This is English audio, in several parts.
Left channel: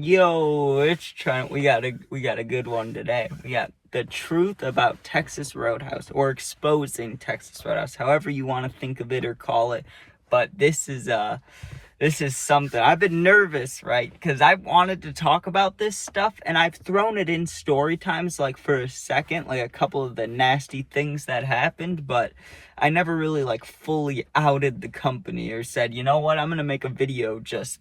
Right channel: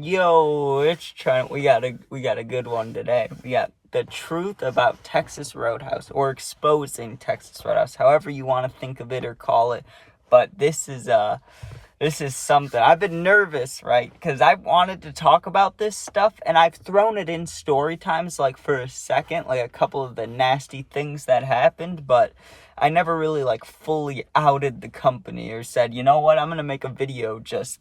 Yo, it's Trent. We got a good one today. We got the truth about Texas Roadhouse, or exposing Texas Roadhouse, however you want to think of it or call it. But this is something I've been nervous, right? Because I wanted to talk about this stuff, and I've thrown it in story times, like for a second, like a couple of the nasty things that happened, but I never really like fully outed the company or said, you know what, I'm gonna make a video just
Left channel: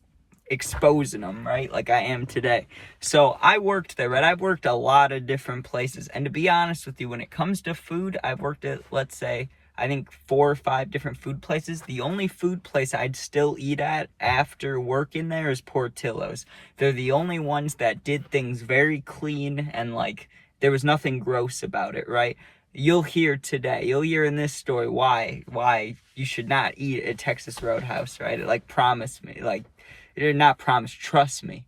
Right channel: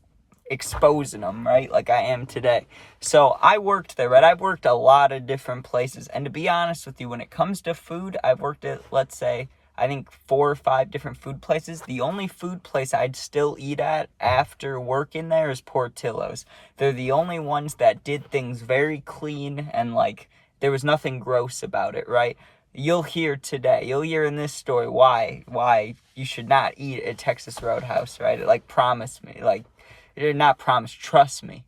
exposing them, right, like I am today. So I worked there, right? I've worked a lot of different places, and to be honest with you, when it comes to food, I've worked at, let's say, I think 4 or 5 different food places. The only food place I'd still eat at after working there is Portillo's. They're the only ones that did things very clean, and like there was nothing gross about it, right? You'll hear in this story why you should not eat at Texas Roadhouse, right? Like, promise me, like, you're not promised. Trust me,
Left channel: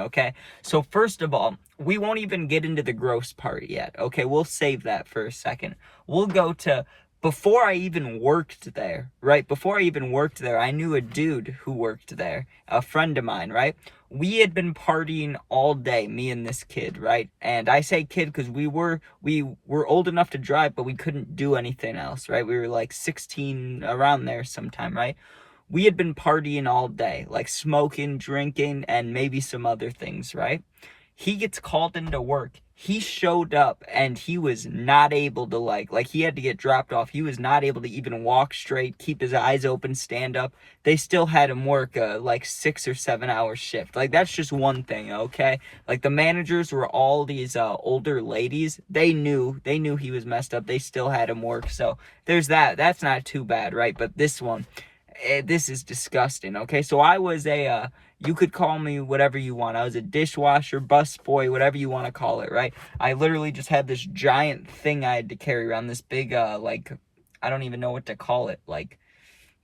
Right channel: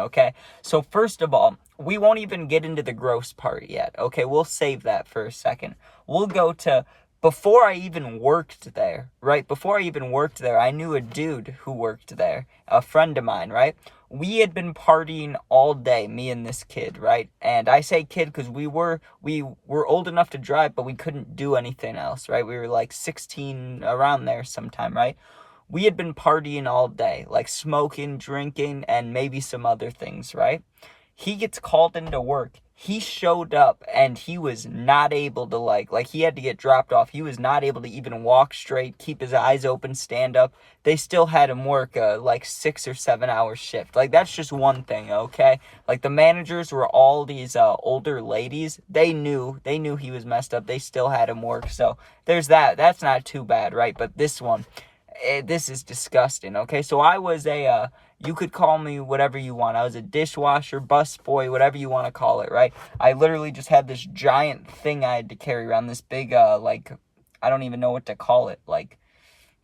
okay? So first of all, we won't even get into the gross part yet, okay? We'll save that for a second. We'll go to before I even worked there, right? Before I even worked there, I knew a dude who worked there, a friend of mine, right? We had been partying all day, me and this kid, right? And I say kid because we were old enough to drive, but we couldn't do anything else, right? We were like 16, around there sometime, right? We had been partying all day, like smoking, drinking, and maybe some other things, right? He gets called into work. He showed up and he was not able to like he had to get dropped off. He was not able to even walk straight, keep his eyes open, stand up. They still had him work a like 6 or 7 hour shift. Like, that's just one thing, okay? Like, the managers were all these older ladies. They knew he was messed up. They still had him work. So there's that. That's not too bad, right? But this one, this is disgusting, okay? So I was you could call me whatever you want. I was a dishwasher, busboy, whatever you want to call it, right? I literally just had this giant thing I had to carry around, this big, like, I don't even know what to call it, like,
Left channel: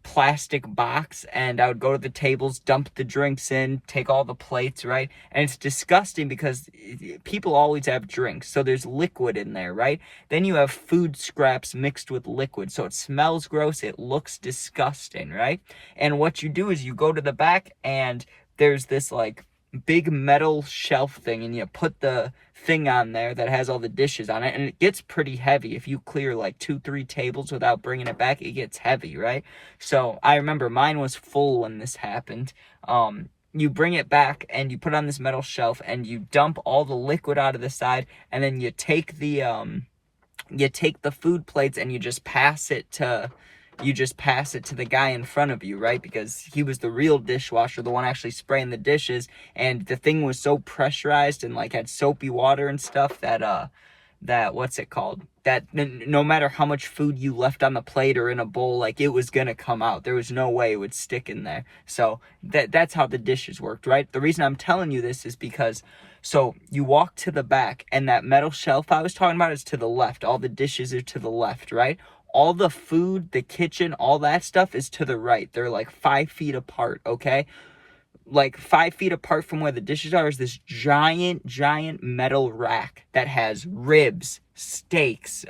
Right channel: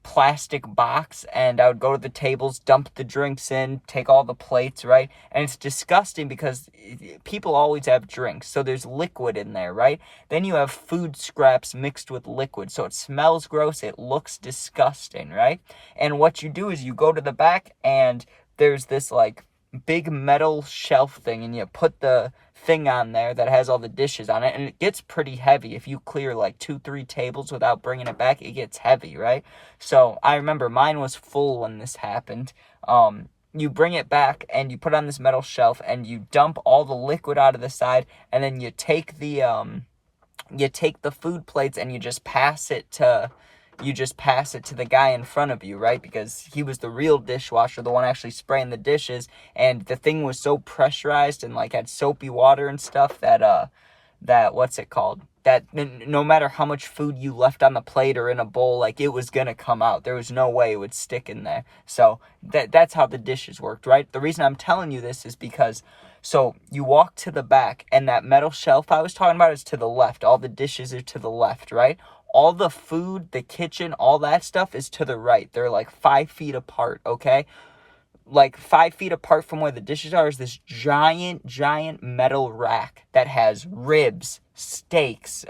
plastic box, and I would go to the tables, dump the drinks in, take all the plates, right? And it's disgusting because people always have drinks, so there's liquid in there, right? Then you have food scraps mixed with liquid, so it smells gross, it looks disgusting, right? And what you do is you go to the back, and there's this like big metal shelf thing, and you put the thing on there that has all the dishes on it, and it gets pretty heavy. If you clear like 2-3 tables without bringing it back, it gets heavy, right? So I remember mine was full when this happened. You bring it back and you put it on this metal shelf, and you dump all the liquid out of the side, and then you take the food plates and you just pass it to the guy in front of you, right? Because he was the real dishwasher, the one actually spraying the dishes, and the thing was so pressurized and like had soapy water and stuff that what's it called? That no matter how much food you left on the plate or in a bowl, like, it was gonna come out. There was no way it would stick in there. So that's how the dishes worked, right? The reason I'm telling you this is because, so you walk to the back, and that metal shelf I was talking about is to the left. All the dishes are to the left, right? All the food, the kitchen, all that stuff is to the right. They're like 5 feet apart, okay? Like 5 feet apart from where the dishes are is this giant metal rack that has ribs, steaks,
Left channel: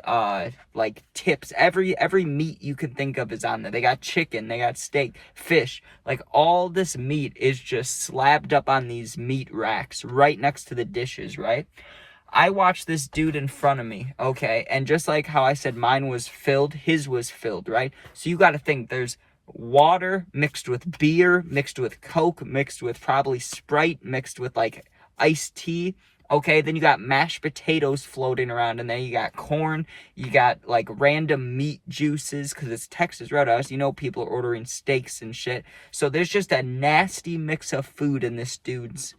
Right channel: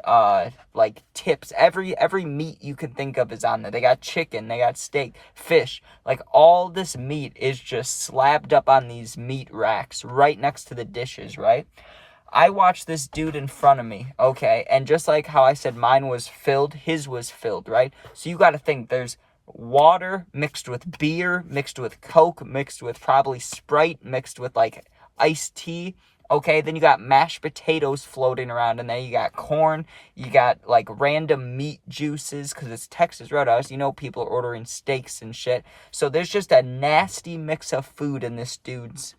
like tips. Every meat you can think of is on there. They got chicken, they got steak, fish. Like, all this meat is just slabbed up on these meat racks right next to the dishes, right? I watched this dude in front of me, okay? And just like how I said mine was filled, his was filled, right? So you got to think, there's water mixed with beer, mixed with Coke, mixed with probably Sprite, mixed with like iced tea, okay? Then you got mashed potatoes floating around, and then you got corn, you got like random meat juices, because it's Texas Roadhouse, you know, people are ordering steaks and shit. So there's just a nasty mix of food in this dude's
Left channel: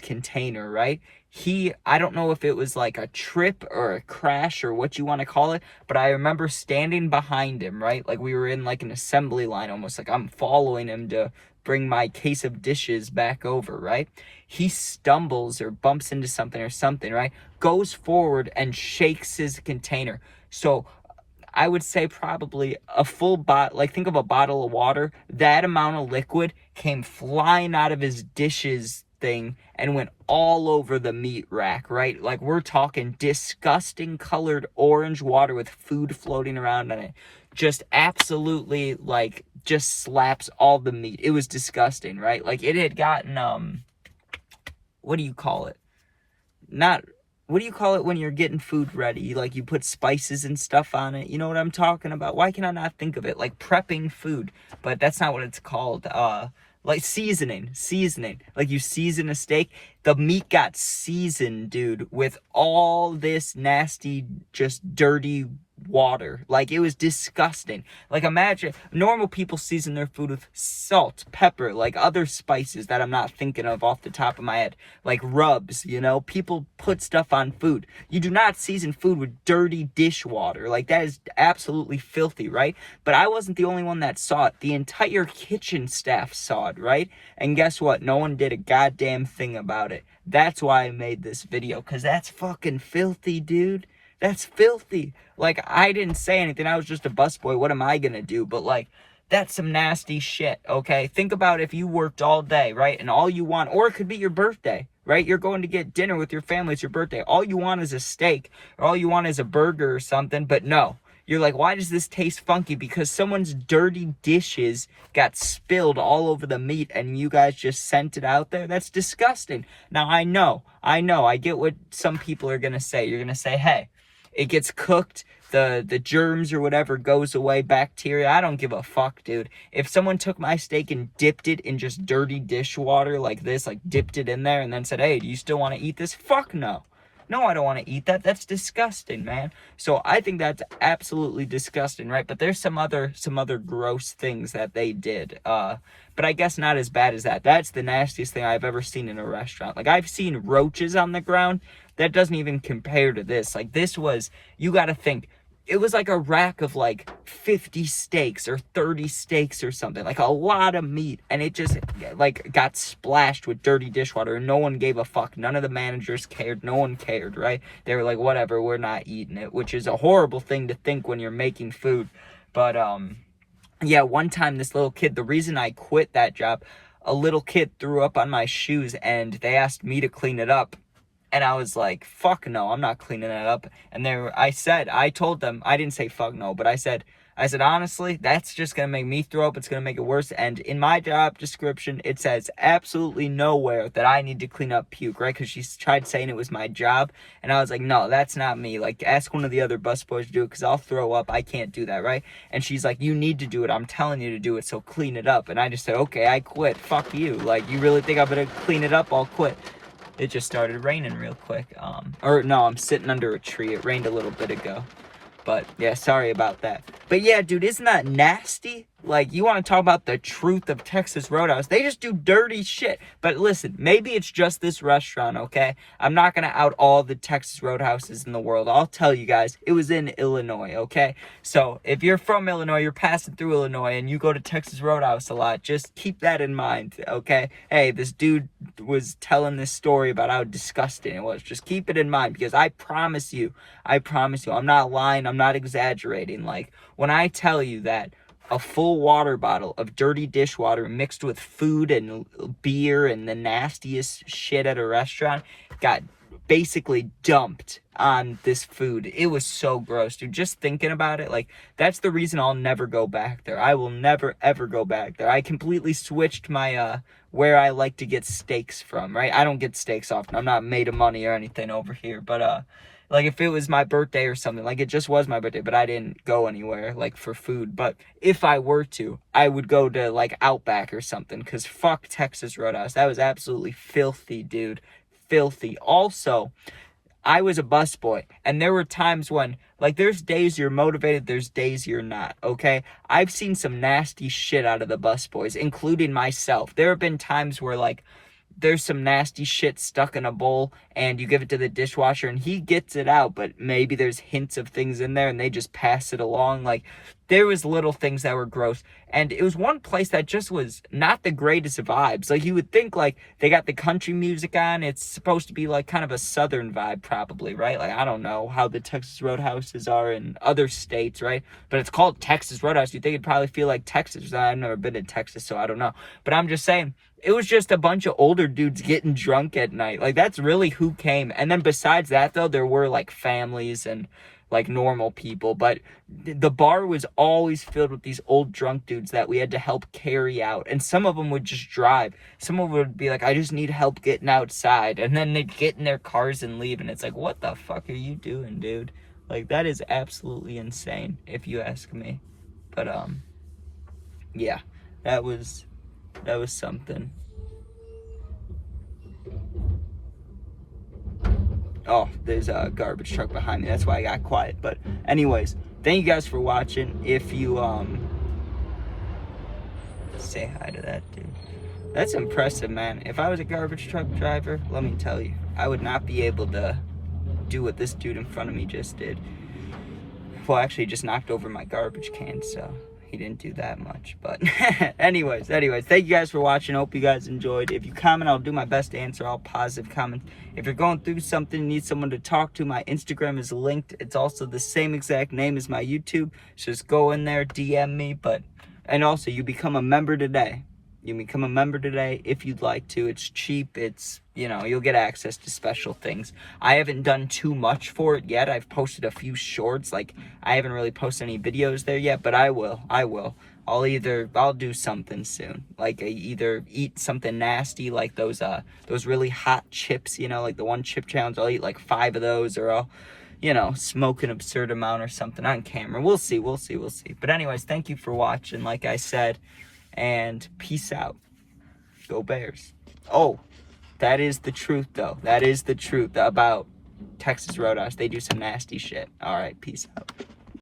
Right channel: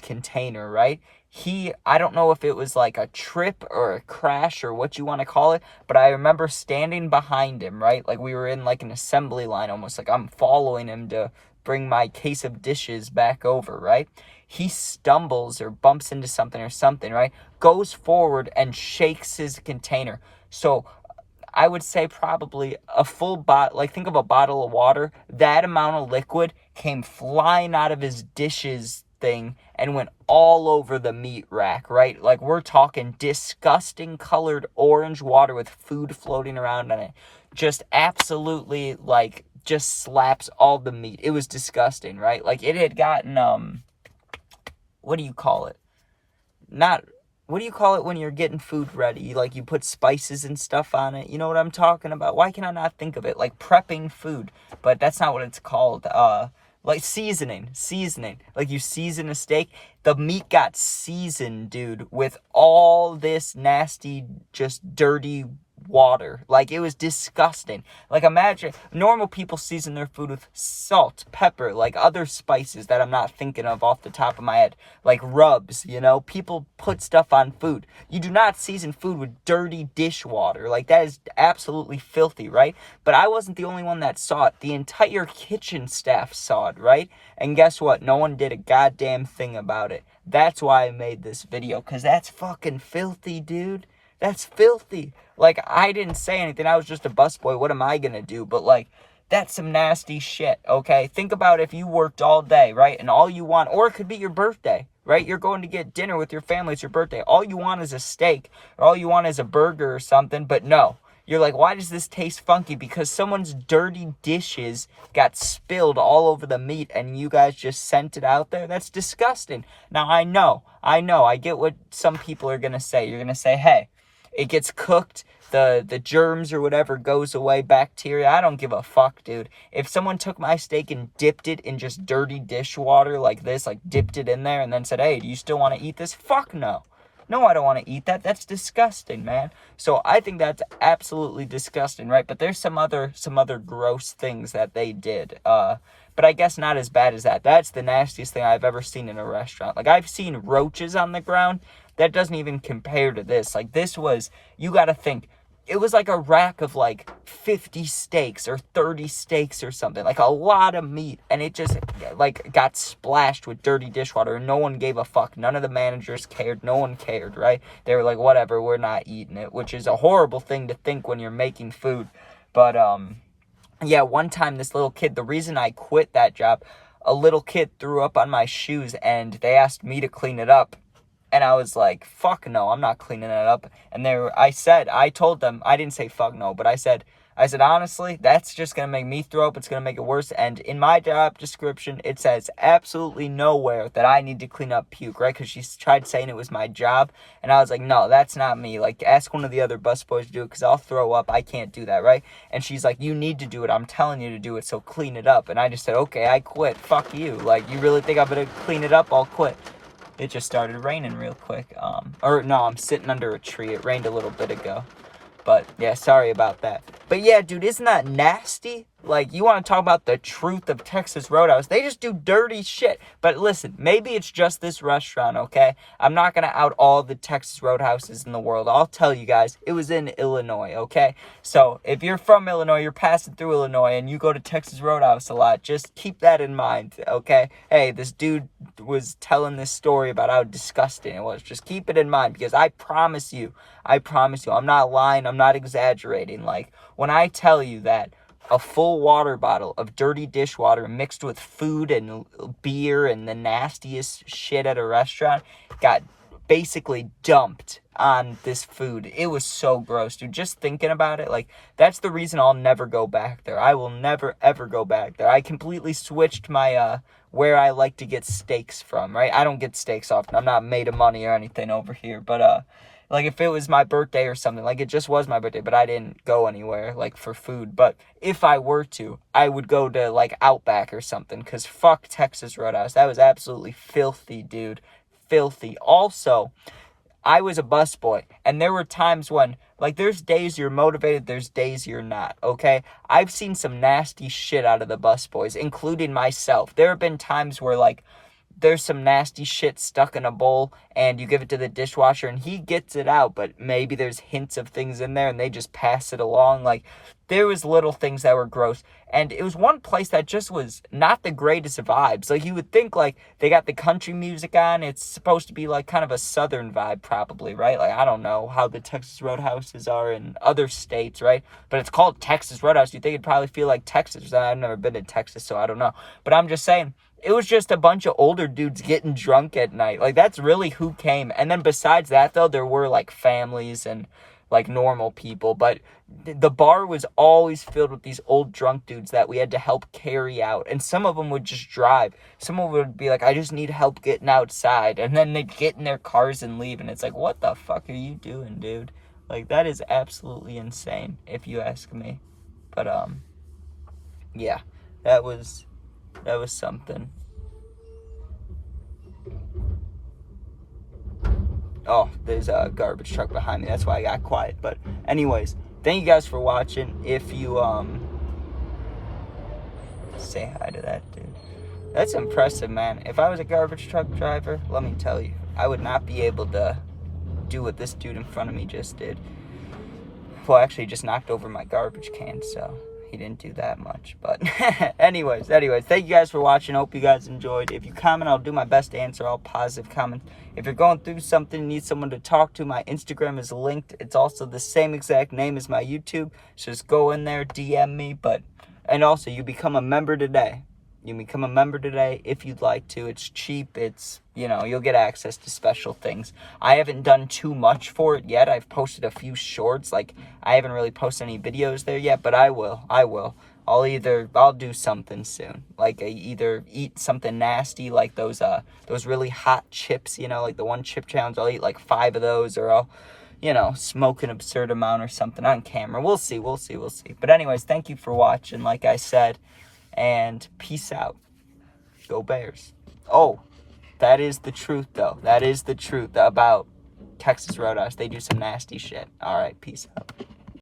container, right? I don't know if it was like a trip or a crash or what you want to call it, but I remember standing behind him, right? Like, we were in like an assembly line, almost like I'm following him to bring my case of dishes back over, right? He stumbles or bumps into something, right? Goes forward and shakes his container. So I would say probably a full bottle, like, think of a bottle of water, that amount of liquid came flying out of his dishes thing and went all over the meat rack, right? Like, we're talking disgusting colored orange water with food floating around on it. Just absolutely, like, just slaps all the meat. It was disgusting, right? Like, it had gotten, what do you call it? Not, what do you call it when you're getting food ready? Like, you put spices and stuff on it. You know what I'm talking about? Why can I not think of it? Like, prepping food. But that's not what it's called. Like, seasoning. Like, you season a steak. The meat got seasoned, dude, with all this nasty, just dirty water. Like, it was disgusting. Like, imagine normal people season their food with salt, pepper, like other spices that I'm not thinking of off the top of my head, like rubs. People put stuff on food. You do not season food with dirty dishwater. Like, that is absolutely filthy, right? But I wasn't the only one that saw it. The entire kitchen staff saw it, right? And guess what? No one did a goddamn thing about it. That's why I made this video, because that's fucking filthy, dude. That's filthy. Like, I didn't say anything. I was just a busboy. What am I gonna do? But, like, that's some nasty shit, okay? Think about if you worked all day, right? And all you want, or it could be your birthday, right? You're going to get dinner with your family. It's your birthday. All you want is a steak, or all you want is a burger or something. But no. You're like, why does this taste funky? Because someone's dirty dishes got spilled all over the meat and you guys just sent it out there? That's disgusting. Now, I know. I get what some people are going to say. You're going to say, hey, it gets cooked, the germs or whatever goes away, bacteria. I don't give a fuck, dude. If someone took my steak and dipped it in just dirty dishwater like this, like dipped it in there and then said, hey, do you still want to eat this? Fuck no. No, I don't want to eat that. That's disgusting, man. So I think that's absolutely disgusting, right? But there's some other gross things that they did. But I guess not as bad as that. That's the nastiest thing I've ever seen in a restaurant. Like, I've seen roaches on the ground. That doesn't even compare to this. Like, this was, you got to think, it was like a rack of like 50 steaks or 30 steaks or something, like a lot of meat, and it just like got splashed with dirty dishwater and no one gave a fuck. None of the managers cared. No one cared, right? They were like, whatever, we're not eating it, which is a horrible thing to think when you're making food. But yeah, one time this little kid, the reason I quit that job, a little kid threw up on my shoes and they asked me to clean it up. And I was like, fuck no, I'm not cleaning that up. And I told them, I didn't say fuck no, but I said, honestly, that's just going to make me throw up. It's going to make it worse. And in my job description, it says absolutely nowhere that I need to clean up puke, right? Because she tried saying it was my job. And I was like, no, that's not me. Like, ask one of the other busboys to do it because I'll throw up. I can't do that, right? And she's like, you need to do it. I'm telling you to do it, so clean it up. And I just said, okay, I quit. Fuck you. Like, you really think I'm going to clean it up? I'll quit. It just started raining real quick. Or no, I'm sitting under a tree. It rained a little bit ago. But yeah, sorry about that. But yeah, dude, isn't that nasty? Like, you want to talk about the truth of Texas Roadhouse? They just do dirty shit. But listen, maybe it's just this restaurant, okay? I'm not going to out all the Texas Roadhouses in the world. I'll tell you guys, it was in Illinois, okay? So if you're from Illinois, you're passing through Illinois, and you go to Texas Roadhouse a lot, just keep that in mind, okay? Hey, this dude was telling this story about how disgusting it was. Just keep it in mind, because I promise you, I'm not lying, I'm not exaggerating. Like, when I tell you that a full water bottle of dirty dishwater mixed with food and beer and the nastiest shit at a restaurant got basically dumped on this food. It was so gross, dude. Just thinking about it, like, that's the reason I'll never go back there. I will never, ever go back there. I completely switched my, where I like to get steaks from, right? I don't get steaks often. I'm not made of money or anything over here, but, like, if it was my birthday or something, like, it just was my birthday, but I didn't go anywhere, like, for food. But if I were to, I would go to, like, Outback or something, because fuck Texas Roadhouse. That was absolutely filthy, dude. Filthy. Also, I was a busboy, and there were times when, like, there's days you're motivated, there's days you're not, okay? I've seen some nasty shit out of the busboys, including myself. There have been times where, like, there's some nasty shit stuck in a bowl and you give it to the dishwasher and he gets it out, but maybe there's hints of things in there and they just pass it along. Like, there was little things that were gross, and it was one place that just was not the greatest vibes. Like, you would think, like, they got the country music on, it's supposed to be like kind of a southern vibe probably, right? Like, I don't know how the Texas Roadhouses are in other states, right? But it's called Texas Roadhouse. You think it'd probably feel like Texas. I've never been to Texas, so I don't know, but I'm just saying, it was just a bunch of older dudes getting drunk at night. Like, that's really who came. And then besides that, though, there were, like, families and, like normal people, but the bar was always filled with these old drunk dudes that we had to help carry out. And some of them would just drive. Some of them would be like, I just need help getting outside. And then they'd get in their cars and leave. And it's like, what the fuck are you doing, dude? Like, that is absolutely insane, if you ask me. But, yeah, that was something. Oh, there's a garbage truck behind me. That's why I got quiet. But anyways, thank you guys for watching. If you, say hi to that dude. That's impressive, man. If I was a garbage truck driver, let me tell you, I would not be able to do what this dude in front of me just did. Well, actually, he just knocked over my garbage can, so he didn't do that much. But anyways, thank you guys for watching. Hope you guys enjoyed. If you comment, I'll do my best to answer all positive comments. If you're going through something, need someone to talk to, my Instagram is linked. It's also the same exact name as my YouTube. So just go in there, DM me. And also, you become a member today. You can become a member today if you'd like to. It's cheap. It's, you'll get access to special things. I haven't done too much for it yet. I've posted a few shorts. Like, I haven't really posted any videos there yet, but I will. I'll do something soon. Like, either eat something nasty, like those really hot chips, like the one chip challenge. I'll eat like 5 of those, or I'll, smoke an absurd amount or something on camera. We'll see. But anyways, thank you for watching, like I said. And peace out. Go Bears. Oh, that is the truth, though. That is the truth about Texas Roadhouse. They do some nasty shit. All right, peace out.